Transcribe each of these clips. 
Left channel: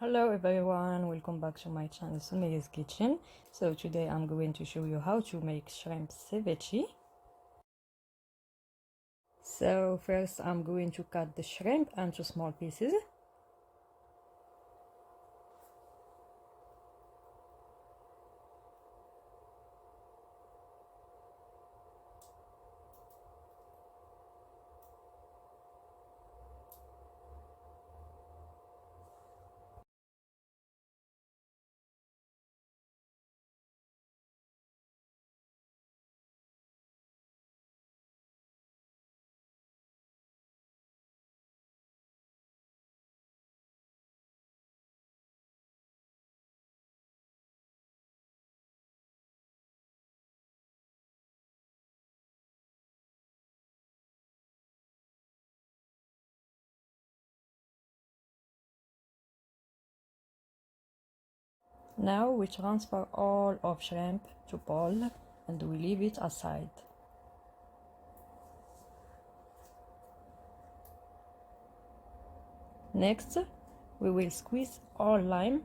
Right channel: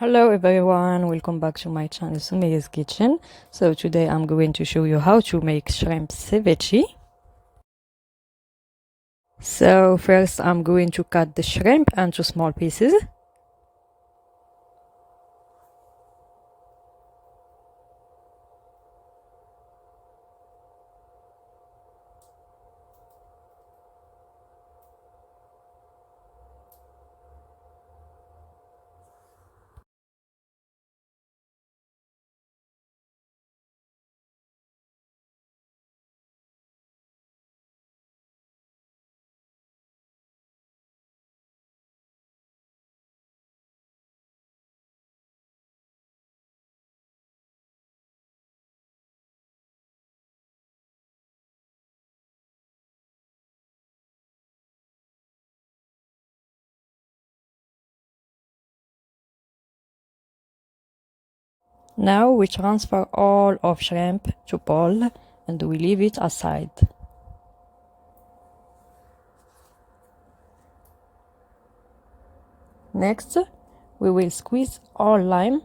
Hello everyone, welcome back to my channel Sumeya's Kitchen. So today I'm going to show you how to make shrimp ceviche. So first I'm going to cut the shrimp into small pieces. Now we transfer all of shrimp to bowl and we leave it aside. Next, we will squeeze all lime.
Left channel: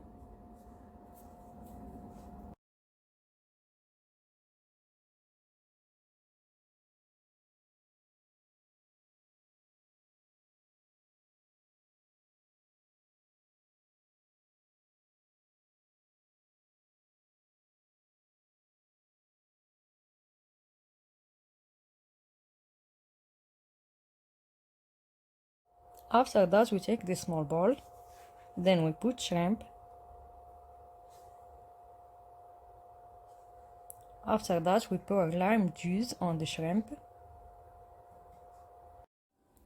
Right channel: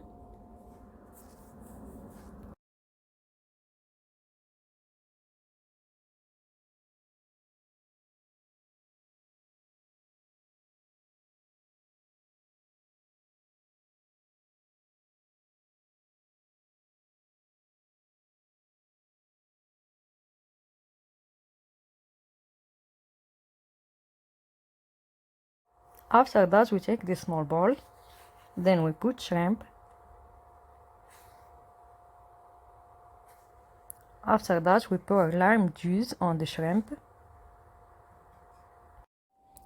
After that we take this small bowl, then we put shrimp. After that we pour lime juice on the shrimp.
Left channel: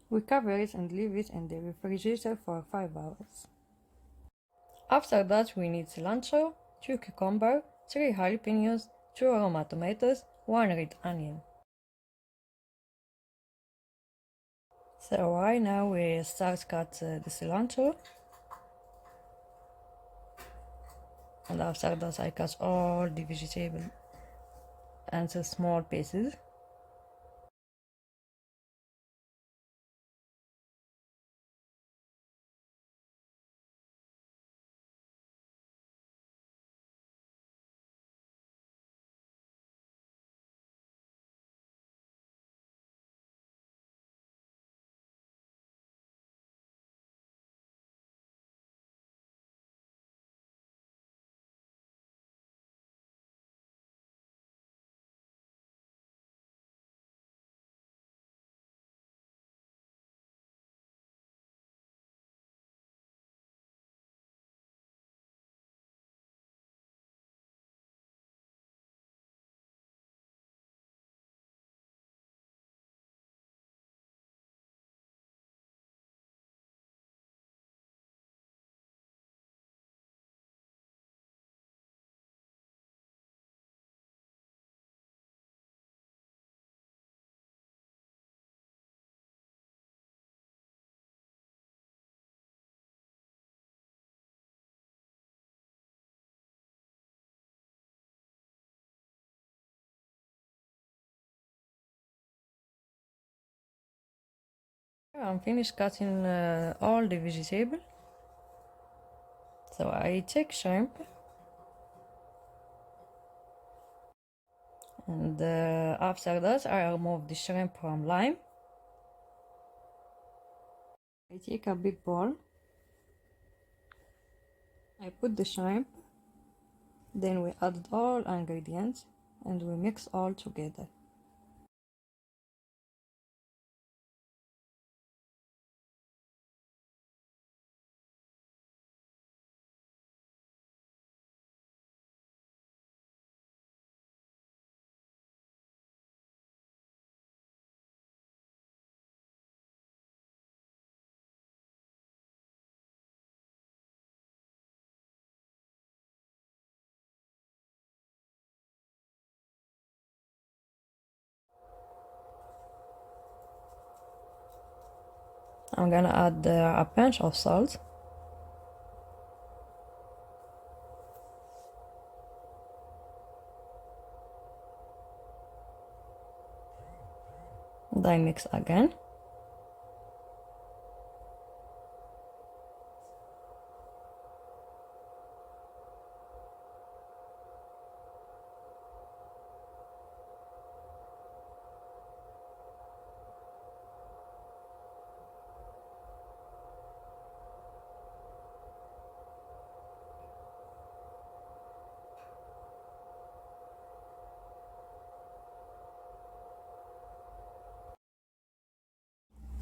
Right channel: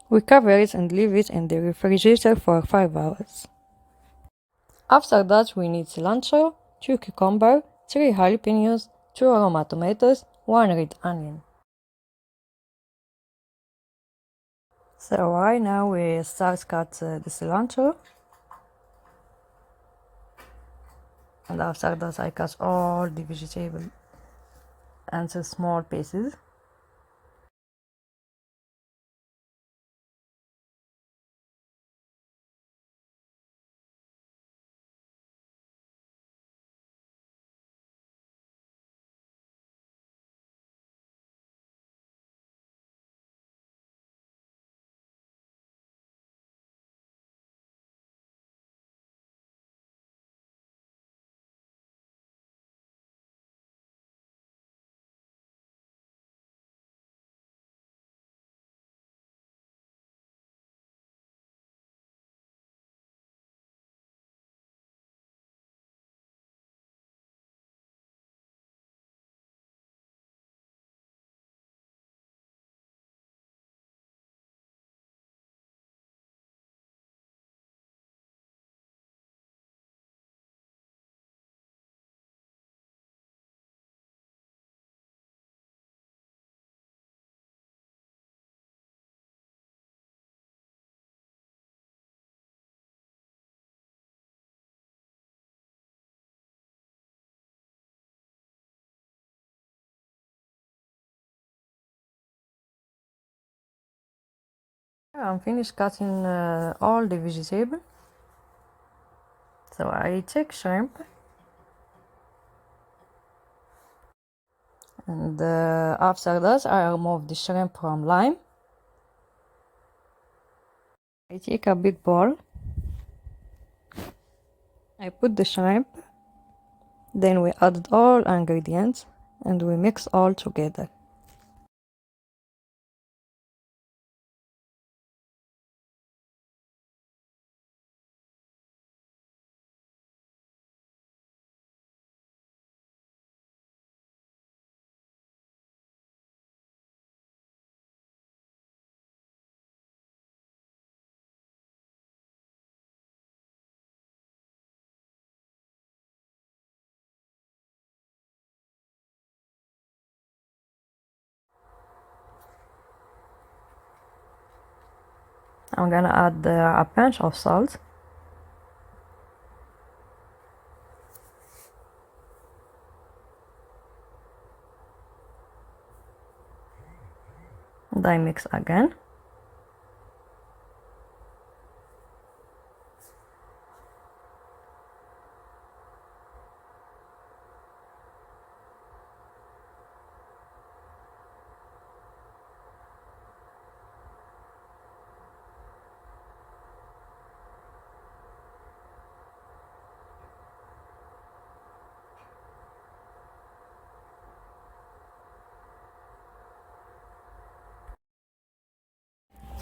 We cover it and leave it in the refrigerator for 5 hours. After that we need cilantro, 2 cucumbers, 3 jalapenos, 2 Roma tomatoes, 1 red onion. So right now we start cut the cilantro. And after that I cut all the vegetable into small pieces. I'm finished cutting all the vegetable. So I take shrimp and after that I remove the shrimp from lime. I take a big bowl. I put the shrimp, then we added all ingredients and we mix all together. I'm gonna add a pinch of salt. And I mix again.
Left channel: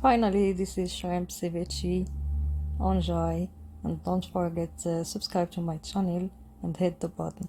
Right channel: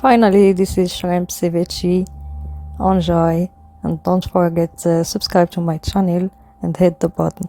Finally, this is shrimp ceviche. Enjoy, and don't forget to subscribe to my channel and hit the button.